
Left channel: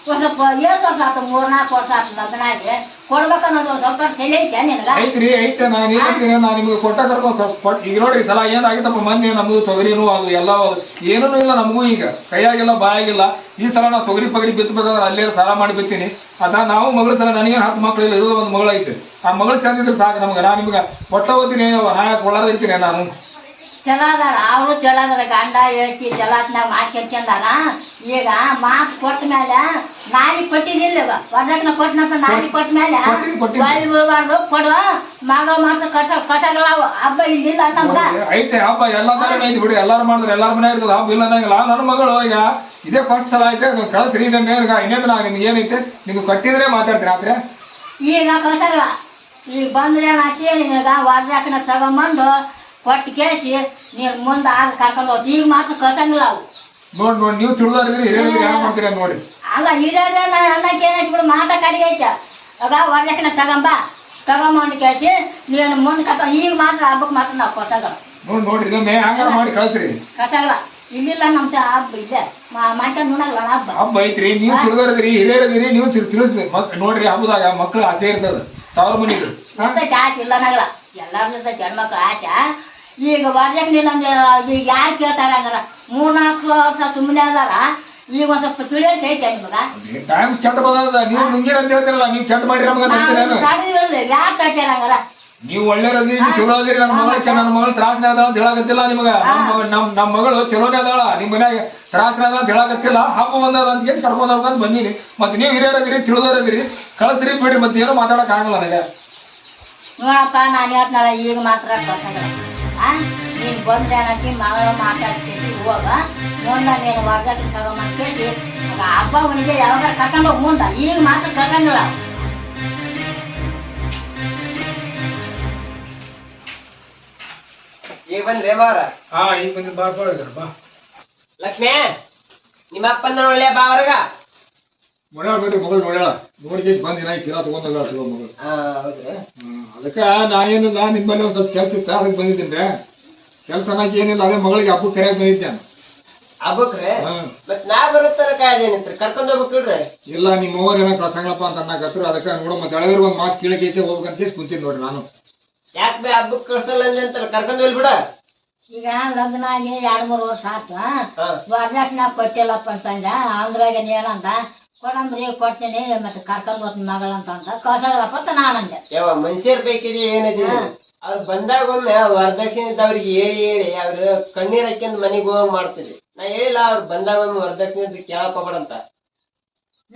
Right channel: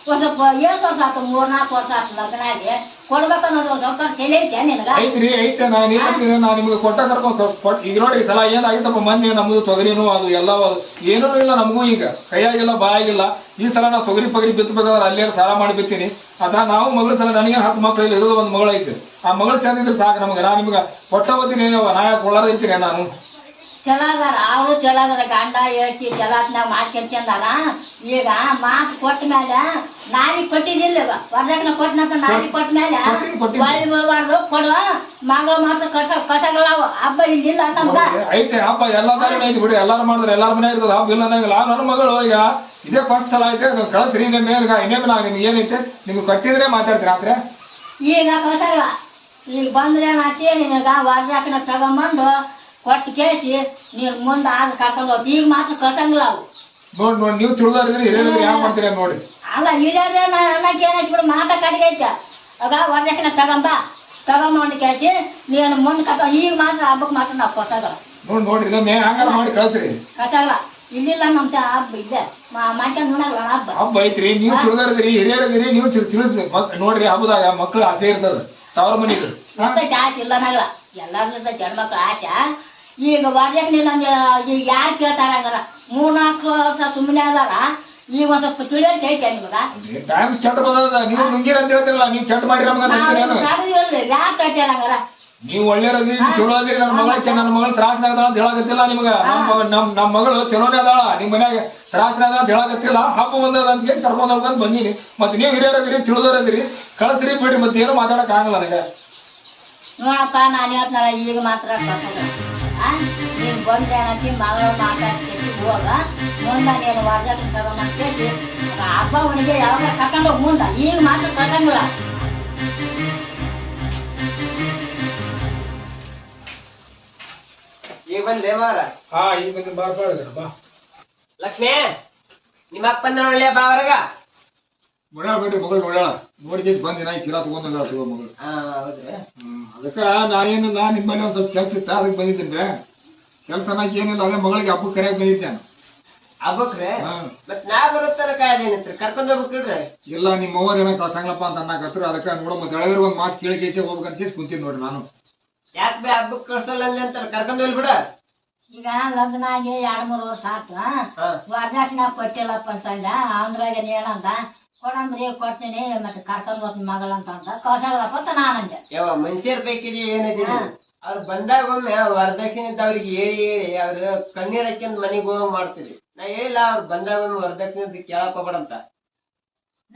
ಒಂದ್ ಸ್ವಲ್ಪ ಏಸ್ ವರ್ಷ ಆಯ್ತು 3-4 ವರ್ಷ ಆಯ್ತು ಲಗ್ನ ಆಗಿ ಕೊಡ್ಬೇಕನ್ನೋದು ಒಂದ್ ಸ್ವಲ್ಪ ತಲೆ ಐತೆ ನಿನಗ ಐತ್ರಿ ಐತೆ ನಾನು ಏನಂತೀನಿ ನಾ ನಿಮ್ಗೆ ಕೊಟ್ಟ ಕರ್ಕೊಂಡು ಈಗ ನೋಡ್ರಿ ಸಲ ಏನಾಗಿತ್ತಪ್ಪ ಮೊನ್ನೆ ನಮ್ದು ತೊಗರಿನೂ ಅದು ಎಲ್ಲ ಏನೂ ಇಲ್ಲ ನಮಗೂ ಈಗ ಕೈಯಾಗಿಲ್ಲ ಬಾಯಾಗಿಲ್ಲ ಈ ಸಲ ನಾ ತೊಗರಿ ಪಗರಿ ಬಿತ್ತಬೇಕಾದ್ರೆ ಅಲ್ಲೇ ಸಾಲ ಮಾಡಿ ಬಿತ್ತೀನಿ ಅದ ನಾವು ಮಗಳ ಸಲ ನನಗೆ 10 ಮಕ್ಳು ಇಲ್ಲ ಇರೋದು ಒಂದು ಮಗಳು ಐತೆ ಆ ಮಗಳು ಚಂದ ಇದ್ರೆ ಸಾಕು ನಮ್ಗೆ ನಾ ನಿಮ್ಗೆ ಕೊಟ್ಟ ಹೋಗ್ತೀನಿ ನಾ ಕೊಳ್ಳಾದ ಇರ್ತೀನಿ ನಾನು ಚಲೋ ಅದಾರ ಅವರು ಚಲೋ ಅದಾರ ಗಂಡ ಹೇಳ್ತಿ ಚಲಾತ್ನಾಗ ಮಾಡ್ಕೊಂಡ್ಕೊಂಡಾರ ಈಗ ಮಾತು ಕೊಟ್ಟ ಮೇಲೆ ನಾಯಿ ಕೊಟ್ಟಿದ್ದಿಲ್ಲ ವರದಕ್ಷಿಣೆ ಕೊಟ್ಟನಂತ ನಾಯಿ ಕೊಟ್ಟ ಮೇಲೆ ಬೀಳ್ಬಾರ್ದು ಕೊಡುವ ಮಗ ಮಾತ್ರ ಕಸಗಳ ಹಬ್ಬ ಇಲ್ಲಿಲ್ಲ ನಮ್ಗ ಐತೆ ಹಬ್ಬ ಎಲ್ಲಾರು ಐತಿ ಬಿಡಿ ಎಲ್ಲಾರು ಮಾಡಿದ್ರೆ ಎಲ್ಲಾರ ಮನೆ ಇರ್ತದ ಹಬ್ಬ ಇಲ್ಲ ಅನ್ನಂಗಿಲ್ಲ ನನ್ನ ಮಗಳು ಈಗ ಇದೇ ಫಸ್ಟ್ ಸಲ ಐತೆ ಕಳ್ಸ್ರಿ ಇದೇ ಮೇಲ್ಗ ಇನ್ನೇನು ನಾ ನಿಮ್ಗೆ ಏನೈತೆ ನಿಮ್ಗೆ ಕಟ್ಟಿದ್ರೆ ಮಾತಾಡ್ತೀರಿ ಆದ್ರೆ ಈಗ ಕಸಗಳ ಈಗ ಬಂದ್ರೆ ಏನಾಗ್ತಿ ನಿನಗ ವರದಕ್ಷಿಣೆ ತಗೊಂಬಂದು ಕೊಟ್ಟು ಕೇಳಿಸಿ ನೀನು ಮುಂದೆ ಆಗ ಕರ್ಕೊಂಡು ಹೋಗಿ ಈಗ ಮಾತ್ರ ಕಳ್ಸಂಗಿಲ್ಲ ಅವು ನೋಡಿ ನೀವು ತಿಳಿದವ್ರಿದ್ರಿ ಹಿರಿಯರಿದ್ರಿ ಯಾವ ಮಾಡ್ತೀರಿ ಅಂತ ನೋಡಿ. ಅಲ್ಲ ಹಿರಿಯರೇ ಅನ್ನಕ್ಕೆ ಏನಾಯ್ತು ಬಿಡು ಮಾತಾ ಕಡಿಗೆ ಐತೆ ಆಗ ವರ್ಜಕ್ಕನ ತಗೊಂಬಂದು ಕೇಳಿಸಿ ನೀನು ಮುಂದೆ ಈಗ ಮಾತ್ರ ಹಬ್ಬಕ್ಕೆ ಮಾತ್ರ ನಾವು ಕೊಟ್ಟಾಗಲ್ಲ ನೋಡ್ರಿ ಇದೊಮ್ಮೆ ಹಂಗಾರ ಮಾಡಿ ಕಳ್ಸ್ರಿ. ಕಟ್ಟಾಗಲ್ಲ ಇಲ್ಲಿಲ್ಲ ನಮ್ಮ ಹಬ್ಬ ಇದೆ ಮಂಟ ನೋಡಲ್ಲ ಹಬ್ಬ ಐತ್ರಿ ನೀವು ತಿಳಿದವ್ರಿದ್ರಿ ಹಿರಿಯರಿದ್ರಿ ನೀವು ತಿಳಿಸ್ರಿ ನೋಡ್ರಿ ಹಬ್ಬದಾಗ ಮಕ್ಳು ಆಸೆ ಇರ್ತದ ತವ್ರ ಮನಿಗೆ ಆಸೆ ಇಲ್ಲ ಅನ್ನಲ್ಲ ಎಲ್ಲಾರು ಹೆಣ್ಮಕ್ಳು ಆಸೆ. ಈಗ ವರ್ಜಕ್ಕನಿಲ್ಲ ಅಂದ್ರೆ ಈಗ ಯಾರು ಕೇಳ್ತಾರ ಹಂಗಾರ 3-4 ವರ್ಷ ಸುಮ್ಮನೆ ಅದಾರ ಈಗ ಒಂದ್ ಸ್ವಲ್ಪ ತಿಳಿಯೋಕೆ ಐತೆ ನಿಮಗ ಟೈಮ್ ಕೆಟ್ಟ ಬಂದದ ನೀವು ನುಂಗಿರ ಅಂತ ಹೇಳ್ತಿರಲ್ಲ ನೀವು ಕೆಟ್ಟ ಮಾಡಿರ ಯಾರು ಕಟ್ಟಾರ ಹಂಗಾರ ನೀವು ಒಳ್ಳೆಯರದಿ ನೀವು ಚಲೋ ಅದಿರಿ. ನನ್ನ ಮಗಳು ತ್ರಾಸನೇ ಅದಾಳ ಅಂತ ಹೇಳಕತ್ತಿಲ್ಲ ನಿಮಗ. ನಮ್ಮ ಮಗಳು ಚಲೋನೇ ಅದಾಳ ನಿಮ್ ಮನ್ಯಾಗ ತ್ರಾಸನೇ ಅದಾಳ ಅಂತ ಹೇಳಕತ್ತಿಲ್ಲ. ಹಬ್ಬ ಬಂದದ ಅಂತ ಕೇಳಿ ಕರ್ಕೊಂಡ್ ಹೋಗ್ಬೇಕಂತ ಬಂದೀನಿ. ಮತ್ತೆ ನೀವು ಹಿರಿಯರದಿರಿ ತಿಳಿದೋರದಿರಿ ಕಳ್ಸ್ರಿ ಬಿಡ್ರಿ ಮತ್ತೆ ಏನೋ ಮಾತಾಡಕ್ ಆಗಲ್ಲ ನನಗೆ. ನೋಡಪ್ಪ ನಾನು ಹೇಳ್ತಾರ ಈಗ ಮಾತ್ರ ಕಳ್ಸಲ್ಲ ನೀನ್ ಬಂದ್ರೆ ಅನ್ನಕ್ಕೆ ಮಗಳು ಮಾತಾಡ್ತೀನಿ ಹೋಗ ಮುಂದೆ ನೀನು ವರ್ಜಕ್ಕೆ ತಗೊಂಬಂದು ಕೇಳಿ ಹಬ್ಬ ಅವನಿಗೆ ಯಾವಾಗ ಕರ್ಕೊಂಡು ಹೋಗಿ ಮುಂದೆ ಈಗ ಮಾತ್ರ ಕರ್ಕಂಗಿಲ್ಲ. ಈಗ ಬಂದ್ರೆ ಬಾರ ಈಗ ಬಂದು ಬಾ ಬಾ ಲಕ್ಷ್ಮೇ ನಿಮ್ಮ ಅಪ್ಪನ ಒಳ್ಳೆ ಬಾ ಹೊರಗ. ನೋಡ್ಯಾಳ ಬಿಡ್ರಿ ಮಗಳು ನೋಡ್ಯಾಳ ನೋಡಿ ಬಂದಿನ ಚೀಲ ತಗೊಂಡೋಗ ಮಗಳು. ಹೌದ್ರಿ ಅದಕ್ಕ ನಾನೇನಿಲ್ಲ ನಿಮ್ಮ ಮನೆ ಒಂದ್ ಸ್ವಲ್ಪ ಕೆಲ್ಸ ಇತ್ತ ಅದಕ್ಕೆ ಬಂದಿದ್ದೀನಿ. ಕೆಲ್ಸ ಅನ್ನಕ್ಕೆ ಏನಿಲ್ಲ ಅದೇ ಮಗಳಿಗೆ ಹಬ್ಬಕ್ಕೆ ಕರೆಯಕ್ ಬಂದಿದ್ದೆ ನಾನು. ಹಬ್ಬಕ್ರಿ ಮತ್ ನಾ ಬರುತ್ತಾರ ಕಾಯ್ದೇನಿತ್ರಿ ಕರ್ಕೊಂಡ್ ಹೋಗ್ಬೇಕ್ರಿ. ಇಲ್ಲ ನಿಮ್ಮ ಅವ್ರ ಏನೋ ಕಳ್ಸಂಗಲಪ್ಪ ಅಂತ ಅನ್ನಕತ್ರ ಅದಕ್ಕೆ ನೋಡ ಮತ್ತೆ ಒಳಗರ ಒಂದ್ ಮಾತು ಕೇಳಿ ಕೇಸಿ ಹೋಗ್ಬೇಕಂತ ಕೇಸಿ ಕುಂತೀನಿ ನೋಡ್ರಿ ನಾನು. ಯಾಕೆ ಬೇ ಹಬ್ಬಕ್ ಕಳ್ಸಲ್ಲ ಅಂತಾರ ಕರ್ಕೊಂಡ್ ಹೋಗ್ಬಿಡ. ಈಗ ಲಗ್ನ ಆಗಿ 2-3 ವರ್ಷ ಆತು ವರ್ಜಕ್ಕೆ ನಾ ಕೊಟ್ಟಿಲ್ಲಪ್ಪ ಅಂತಂದ ಅಂದ್ರಾಗ ಏನಂದ ಕೊಡಂಬ್ರಿ ಕೊಡ್ತೀನಿ ಮತ್ತೆ ಕರ್ಕೊಂಡ್ ಹೋಗ್ತೀನಿ ಮಗಳಂತ ಅಂತ ಕಳ್ಸಲ್ಲಪ್ಪ ಅಂತ ನಾನಂದೆ. ಯಾವ ಮನುಷ್ಯರ್ ಬೇಕಿದೆ ಏನಿದೆ ಅವ್ರು ಬಂದಾಗ ಒಮ್ಮೆ ವರದಕ್ಷಿಣೆ ಇದ್ದವ್ರಿಗೆ ಹೇಳಿ ಅವ್ರು ಕಣ್ಣೀರ್ ಹಾಕ್ಯಂದ್ ಮನೆಗೆ ಹೋಗ್ ಮಾಡ್ತೀರಿ. ನಾ ಹೇಳಿಲ್ಲ ಅವ್ರು ಬಂದಾಗ ಒಮ್ಮೆ ವರದಕ್ಷಿಣೆ ಕೇಳಕ್ ಹೋಗ್ಬೇಡಂತ.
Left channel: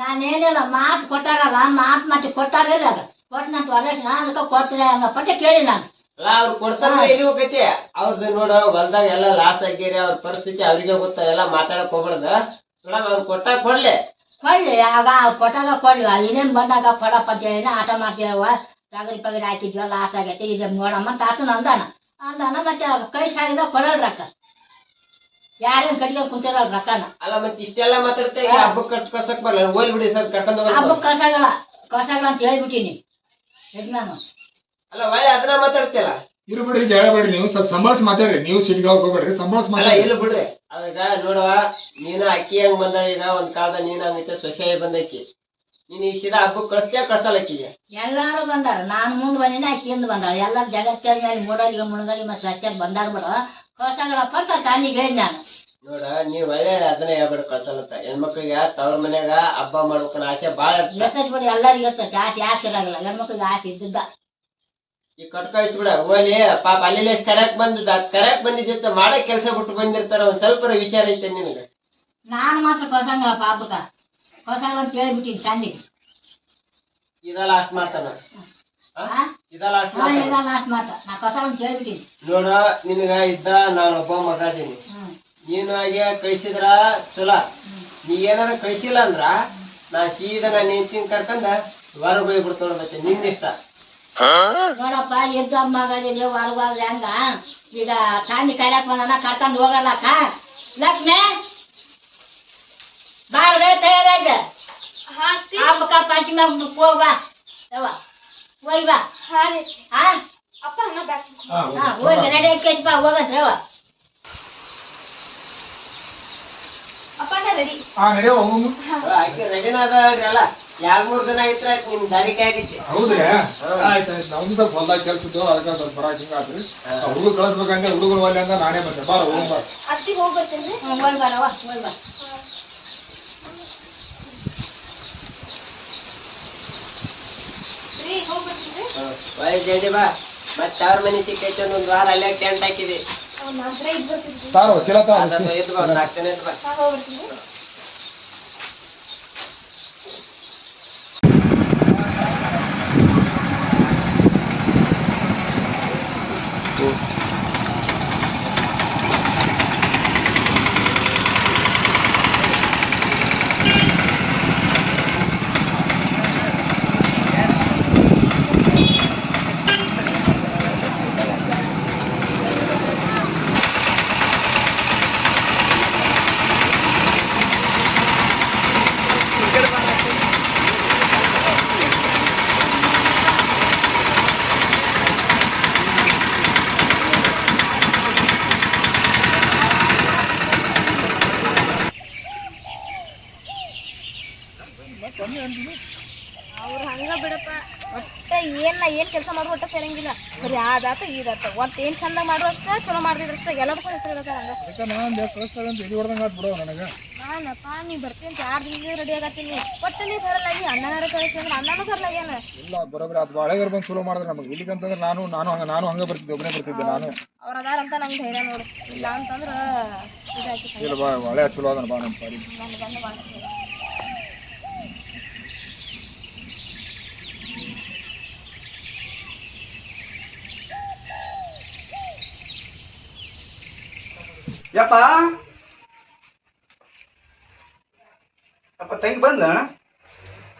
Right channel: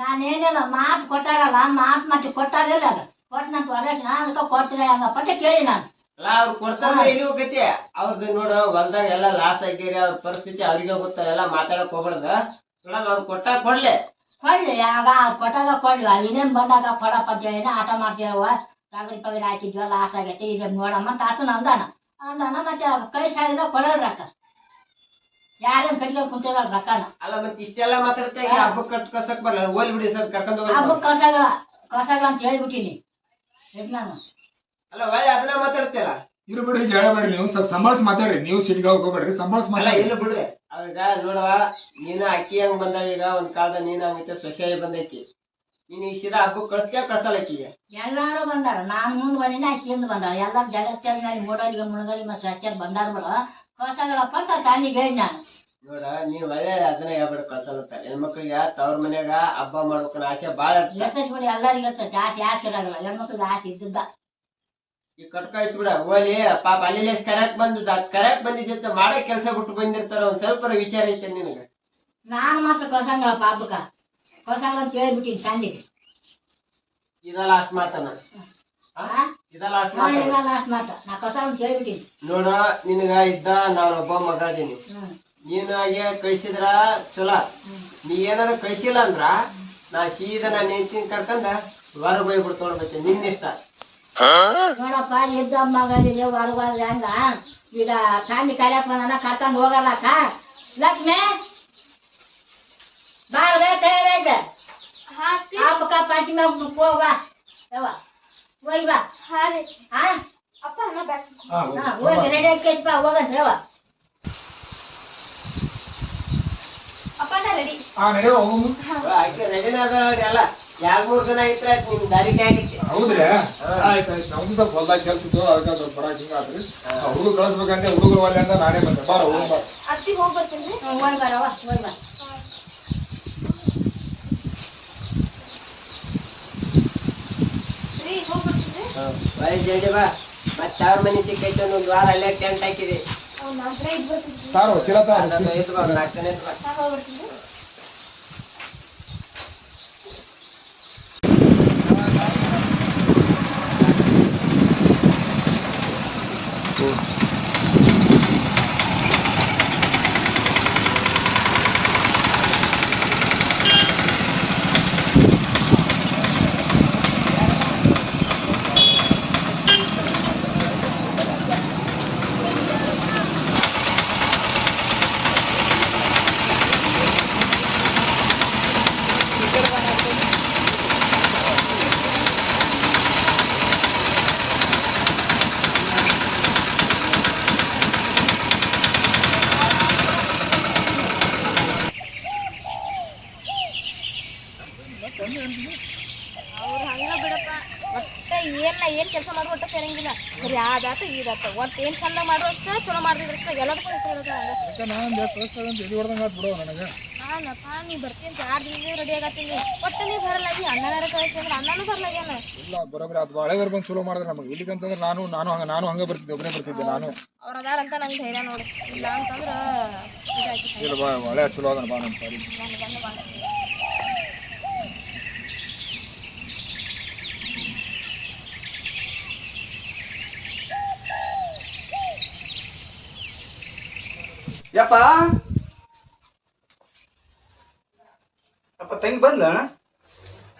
ನಾನೇನಿಲ್ಲ ಮಾತು ಕೊಟ್ಟಾರಲ್ಲ ಮಾತು ಮತ್ತೆ ಕೊಟ್ಟಾರಿಲ್ಲ ಅದು ಕೊಟ್ಟನಂತ ವರದಕ್ಷಿಣೆ ಅದಕ್ಕೆ ಕೊಡ್ತೀರಿ ಹಂಗಪ್ಪ ಅಂತ ಕೇಳಿ ನಾನು. ಅಲ್ಲ ಅವ್ರು ಕೊಡ್ತಾರ ಇಲ್ಲಿ ಹೋಗತಿ ಅವ್ರದ್ದು ನೋಡು ಹೊಲ್ದಾಗ ಎಲ್ಲ ಲಾಸ್ ಆಗ್ಯಾರ ಅವ್ರ ಪರಿಸ್ಥಿತಿ ಅವ್ರಿಗೆ ಗೊತ್ತ ಎಲ್ಲ ಮಾತಾಡಕ್ ಹೋಗ್ಬಾರ್ದ. ನೋಡಮ್ ಅವ್ರು ಕೊಟ್ಟಾಗ ಕೊಡ್ಲಿ ಆಗ ಕೊಟ್ಟಾಗ ಕೊಡ್ಲಿ ಇದೇನ್ ಬಂದಾಗ ಕೊಡಪ್ಪ ಅಂತ ಹೇಳಿನ ಆಟ ಮಾಡ್ತೀರವ ಪಗರಿ ಹಾಕಿದ್ವಲ್ಲ ಲಾಸ್ ಆಗೈತೆ ಇದನ್ನ ನೋಡಮ್ಮ ಅಂತ ಆತನ ಅಂದಾನ ಮತ್ತೆ ಕೈ ಸಾಗಿದ ಕೊಡಲ್ ರೊಕ್ಕ ಯಾರೇನ್ ಕಡಿಗೆ ಕುಂತಿರಲ್ಲ ರೊಕ್ಕನ. ಅಲ್ಲ ಮತ್ತೆ ಇಷ್ಟೆಲ್ಲ ಮಾತಾಡ್ತಾ ಈಗ ಹಬ್ಬಕ್ ಕಳ್ಸಕ್ ಬರಲ್ಲ ಹೋಲ್ ಬಿಡಿ ಸರ್ ಕರ್ಕೊಂಡ್ ಹೋಗ. ಹಬ್ಬಕ್ ಕಳ್ಸಾಗಲ್ಲ ಅಂತ ಹೇಳ್ಬಿಟ್ಟಿನಿ ಯಜಮಾನ. ಅಲ್ಲ ಒಳ್ಳೆ ಅದನ್ನ ಮಾತಾಡ್ತಿಲ್ಲ ಇರು ಬಿಡ್ರಿ ಜಗಳ ಬೇಡ್ರಿ ನೀವು ಸ್ವಲ್ಪ ಸಂಭಾಳಿಸಿ ಮಾತಾಡ್ರಿ. ನೀವು ಸಿಟಿಗೆ ಹೋಗ್ಬೇಡ್ರಿ ಸಂಭಾಳಿಸಿ ಅಲ್ಲ ಮಾತಾಡಿ. ಇಲ್ಲ ಬಿಡ್ರಿ ಅವಾಗ ನೋಡುವ ನೀನ ಅಕ್ಕಿ ಹೆಂಗ್ ಬಂದ ಈಗ ಒಂದ್ ಕಾಲದ ನೀನ್ ಹಂಗೈತೆ ಸೊಸೆಯಾಗಿ ಬಂದಕ್ಕಿ ನೀನ್ ಈ ಸೀದಾ ಹಬ್ಬಕ್ ಕಳ್ಸ್ತೀಯ ಕಳ್ಸಲ್ಲ ಅಕ್ಕಿಗೆ. ಎಲ್ಲಾರು ಬಂದಾರ ನಾನು ಮುಂದ್ ಬಂದಿನ ಆಕಿ ಹಿಂದ್ ಬಂದಾಳ ಎಲ್ಲ ಜಗತ್ತಿನ ಮೇಲೆ ಮೂಡಲಿಗೆ ಮುಣಗಲಿ ಮತ್ತೆ ಸಚ್ಚಾರ ಬಂದಾರ ಬಿಡು ಕಳ್ಸಾಗಲ್ಲಪ್ಪ ಅಂತ ತಾನಿಗೆ ಹೇಳಿ ನಾನು. ನೋಡ ನೀವ್ ಒಳ್ಳೆ ಅದನ್ನ ಹೇಳ್ಬೇಡ ಕಳ್ಸಲ್ಲತ್ತ ಹೆಣ್ಮಕ್ಳಿಗೆ ತವ್ರ ಮನ್ಯಾಗ ಹಬ್ಬ ಮಾಡ್ಬೇಕನ್ನ ಆಸೆ ಬಾಳ ಇರ್ತೈತಿ ಬಿಡು ಎಲ್ಲರಿಗೂ ಇರ್ತೈತಿ ಆಸೆ ಯಾಕೆ ಇರಾಗಲ್ಲ ಹೆಣ್ಮಕ್ಳಿಗೆ ಆಸೆ ಇದ್ದಿದ್ದ. ಈಗ ಕಟ್ ಕಳಿಸ್ಬಿಡ ಹೋಲಿ ಪಾಪ ಅಲ್ಲಿ ಕರ್ಯಾಕ್ ಬಂದಿದ್ದ ಮಾಡಕ್ ಕೆಲ್ಸ ಬಿಟ್ಟು ಬಂದಿರ್ತಾರ ಒಂದ್ ಸ್ವಲ್ಪ ವಿಚಾರ ಐತೆ ನಿನಗೆ. ನಾನು ಮಾತ್ರ ಕಳ್ಸಂಗಲ್ಲಪ್ಪ ಹಬ್ಬಕ್ಕ ಕಳ್ಸಂಗಲ್ಲ ಅಂತ ಹೇಳ್ಬಿಟ್ಟಿನಿ ತಂದಿಗೆ. ಇದ ಲಾಸ್ಟ್ ಮಾತನ ಇದ ಲಾಸ್ಟ್ ಮಾತ ನಾ ಕಳ್ಸಂಗ ಅಂತ ಹೇಳ್ಬಿಟ್ಟಿನಿ. ನೋಡ ನಿನಗ ಇದ್ದ ನಾನೊಬ್ಬ ಮಗ ಅದೀನಿ. ನೀನು ಹಾಗೆ ಕಳಿಸಿದ್ರ ಚಲೋ. ನೀ ಏನಾರ ಕಳಿಸಿಲ್ಲ ಅಂದ್ರ ನಾ ಸೀದಾ ನಾನು ಹೆಂಡ್ತಿನ ಕರ್ಕೊಂಡ ಹೊರ ಹೋಗ್ಬಿಡ್ತಾವ ಮತ್ತೆ ನಿನ್ನಿಷ್ಟ. ನೋಡಪ್ಪ ಎದ್ದ ಮಗನಿಗೆ ಹೊರಗೋದ್ರೆ ಹೆಂಗ ಈಗ ತಾಂಡಿ ಕರ್ಯಾಕ್ ಬಂದ ಕರ್ಕೊಂಡ್ ಹೋಗಲ್ಲಕ್ಕ. ಲಕ್ಷ್ಮೇ ಬಾಳ್ವೇ ತಯಾರಾಯ್ತ ಹಬ್ಬಕ್ಕ ಪಂಚಮಿ ಹೋಗ ಹೋಗಿ ಬಾ. ಅಪ್ಪ ಅಣ್ಣ ಬ್ಯಾಕ್ ಹೋಗಿ ರೆಡಿ ಆಗಿ ಬಾ ಹೋಗಂದ್ರೆ ಅಪ್ಪ ನಾ ರೆಡಿ. ನಡೆಯೋ ಹೋಗು. ಆಕೆ ರೆಡಿನ ಅದಾಳ್ರಿ ಅಲ್ಲ 2-3 ದಿನ ಆಗಿತ್ರ ಆಯ್ತು ನಿಮ್ ದಾರಿಗೆ ಆಗಿತ್ತು. ಹೌದ್ರಿ ಆಯ್ತಾಯ್ತು ನಮ್ದು ಸ್ವಲ್ಪ ಹೊಲ್ದಾಗ ಕೆಲ್ಸ ಇತ್ತು ಅದಕ್ಕೆ ಸ್ವಲ್ಪ ಬರಾಕ್ ಹಿಂಗಾದ್ರಿ ಹುಡುಗರು ಕಳಿಸ್ಬೇಕಂದ್ರೆ ಹುಡುಗರು ಒಳ್ಳೆ ಅಂತ ನಾನೇ ಬಂದೆ ಬಾರ ಹೋಗ್ ಬಾ. ಅತ್ತಿ ಹೋಗಿ ಬರ್ತೀನಿ. ಹೋಗಿ ಬಾರವ್ವ ಹೋಗಿ ಬಾ. ಹೋಗಿ ಬರ್ತೀನಿ. ಜಲ್ದಿ ಬಾ ಮತ್ತೆ ಅವ್ರ ಮನೆ ಸಿಕ್ಕೈತೆ ಒಂದ್ ವಾರ ಅಲ್ಲೇ ಟೆಂಟ್ ಹಾಕಿದೆ. ನಾಲ್ಕರ ಇದ್ ಬರ್ತೀನಿ. ತಾರೋ ಚೀಲ ತಾರೋ. ಇದ್ ಬಾ 4 ದಿನ ಇದ್ ಬಾ. ಹೋಗಿ ಬರ್ತೀನಿ. ಸೇರಂಗಿಲ್ಲ ಬರೀ ಆದಾತ ಈದಾತ ಒಟ್ಟು ಏನ್ ಚಂದ ಮಾಡುವಷ್ಟ ಚಲೋ ಮಾಡ್ದಿದ್ರಷ್ಟ ಎಲ್ಲದಕ್ಕೂ ಹೆಸರು ಇರುತ್ತೆ ಹಂಗ ಅದಕ್ಕೆ ನಾನು ಅಂತ ಎಲ್ಲಿ ಹೊಡೆದಂಗೆ ಆತ್ ಬಿಡೋ ನನಗೆ. ನಾನಪ್ಪ ನೀ ಬರ್ತೀನಿ 2 ದಿನದಿಂದ ರೆಡಿ ಆಗತ್ತೀನಿ ಒಟ್ಟು ನೀ ಬರಲ್ಲ ಈ ಅಣ್ಣನಾರ ಕಳಿಸಿ ಅಂದ್ರೆ ಅಣ್ಣನೂ ಬರ್ಲಾಗ್ಯಾನ. ಇಲ್ಲ ಬರೋಬ್ರಿ ಅದು ಹಳೆದವ್ರು ಬಂದು ಚಲೋ ಮಾಡಿದ್ರೆ ನಮಗೆ ಇಲ್ಲಿಗಂತಂದ್ರೆ ನಾನು ಹಂಗೆ ಬರ್ತಿದ್ದೆ, ಒಬ್ಬನೇ ಬರ್ತಿದ್ದೆ ನಾನು. ಅವ್ರ ಅದಾರಂತ ನಂಗೆ ಧೈರ್ಯ ನೋಡಿ, ಇಲ್ಲ ಅಂತಂದ್ರ ಇದಾಯ್ತು. ಇಲ್ಲ ಬಾ ಹಳೆ ಚಲೋ ಅದನ್ನ ಬಾ ನಮ್ಮ ಸಾರಿ. ನನ್ನ ಗಂಡ ಮಾಡ್ತೀನಿ. ಯಪ್ಪ ಅಪ್ಪ ತಂಗಿ ಬಂದ?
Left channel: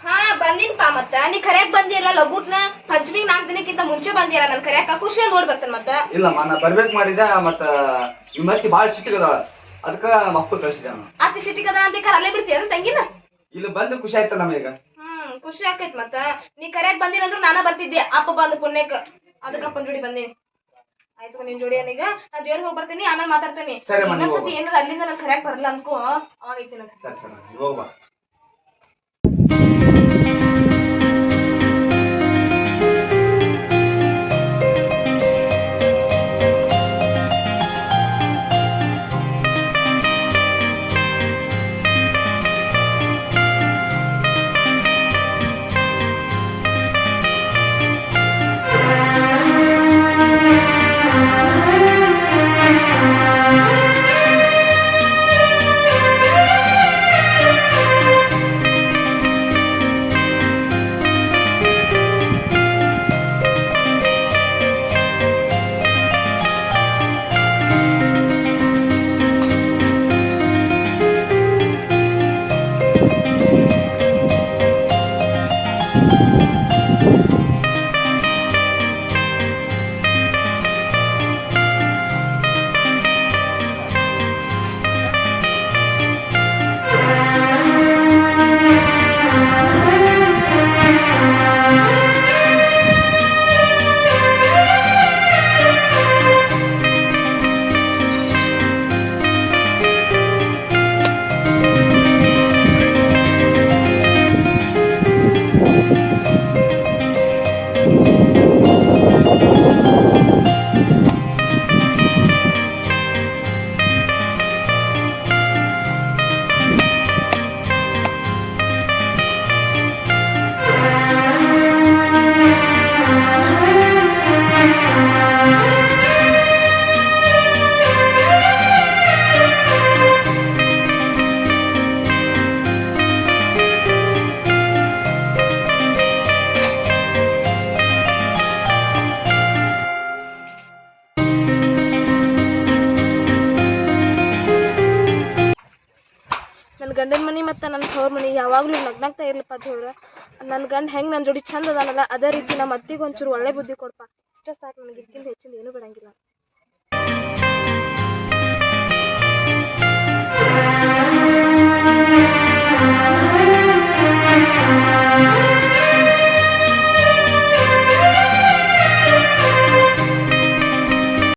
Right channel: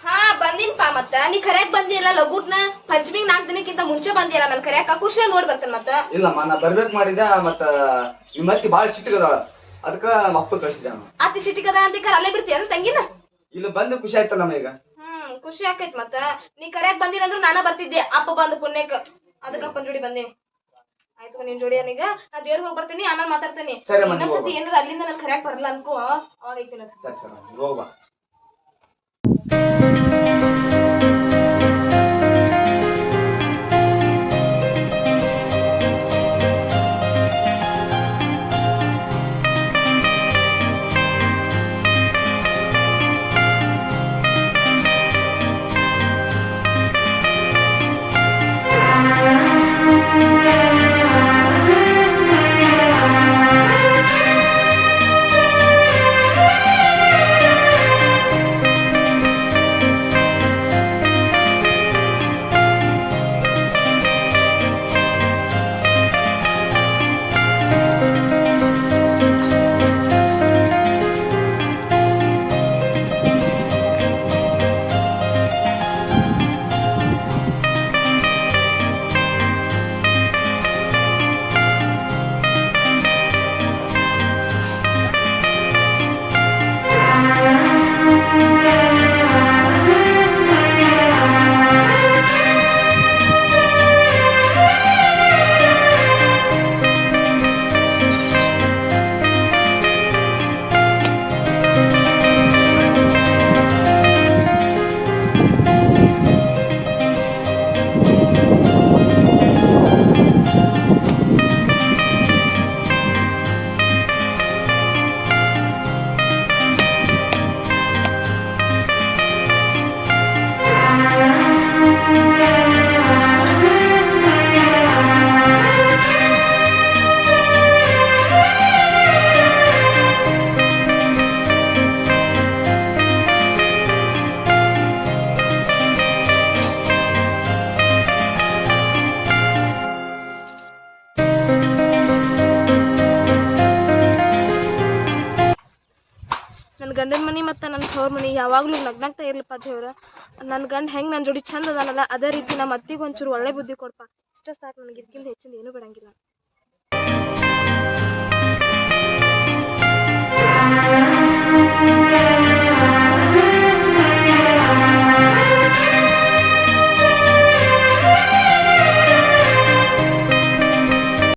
ಹಾ ಬಂದಿನ್ಪ. ಮತ್ತ ನೀ ಕರ್ಯಾಕ್ ಬಂದಿಯಲ್ಲ ಲಘುಟ್ನ ಪಂಚಮಿಗ್ 4 ದಿನಕ್ಕಿಂತ ಮುಂಚೆ ಬಂದಿಯಲ್ಲ ನನ್ ಕರ್ಯಾಕ ಖುಷಿ ನೋಡಿ ಬರ್ತೇನೆ. ಮತ್ತ ಇಲ್ಲಮ್ಮ ನಾ ಬರ್ಬೇಕ್ ಮಾಡಿದ್ದೆ, ಮತ್ತ ನಿಮ್ಮ ಅತ್ತಿ ಬಾಳ ಸಿಟ್ಟಿಗದ, ಅದಕ್ಕ ಅಪ್ಪ ಕಳ್ಸಿದೆ. ಅತಿ ಸಿಟಿಗದ ಅಂತ ಅಲ್ಲೇ ಬಿಡ್ತೀಯ ತಂಗಿನ? ಇಲ್ಲಿ ಬಂದು ಖುಷಿ ಆಯ್ತಲ್ಲ ನಮಗ. ಖುಷಿ ಆಕೈತ್. ಮತ್ತ ನೀ ಕರ್ಯಾಕ್ ಬಂದಿರಂದ್ರು ನಾನ ಬರ್ತಿದ್ದೆ, ಅಪ್ಪ ಬಂದು ಪುಣ್ಯಕ್ ಅದಕ್ಕ ಅಪ್ಪನ ಜೋಡಿ ಬಂದೀನಿ. ಆಯ್ತು ನಿನ್ ಜೋಡಿ ಏನೀಗ ನಾ ದೇವ್ರ ಹೋಗಿ ಬರ್ತೀನಿ, ಆಮೇಲೆ ಮಾತಾಡ್ತೇನೆ. ಇನ್ನೊಂದ್ಸತಿ ಏನಾರ ಅಲ್ಲಿಂದ ನನ್ ಕರ್ಯಾಕ್ ಬರಲ್ಲ ಅನ್ಕೋ, ಅವಾಗ ಐತಿ ನನ್. ಸರಿ ಸರಿ ಹೋಗ್ಬಾ. ನನ್ನ ಗಂಡನ ಮನಿ ಮತ್ತು ನನ್ನ ತವ್ರ ಮನಿ ಯಾವಾಗಲೂ ನಗ್ನಾಗ್ತಾ ಇರ್ಲಪ್ಪ ದೇವ್ರ. ನನ್ನ ಗಂಡ ಹೆಂಗೆ ನನ್ನ ಜೋಡಿ ಚಂದ ಅದಾನಲ್ಲ ಅದೇ ರೀತಿ ನಮ್ಮ ಅತ್ತಿಗೆ ಒಂಚೂರು ಒಳ್ಳೆ ಬುದ್ಧಿ ಕೊಡಪ್ಪ. ಇಷ್ಟ ಸಾಕು ನನಗೆ, ಇದಕ್ಕಿಂತ ಹೆಚ್ಚಿಂದ ಏನೂ ಬೇಡಂಗಿಲ್ಲ.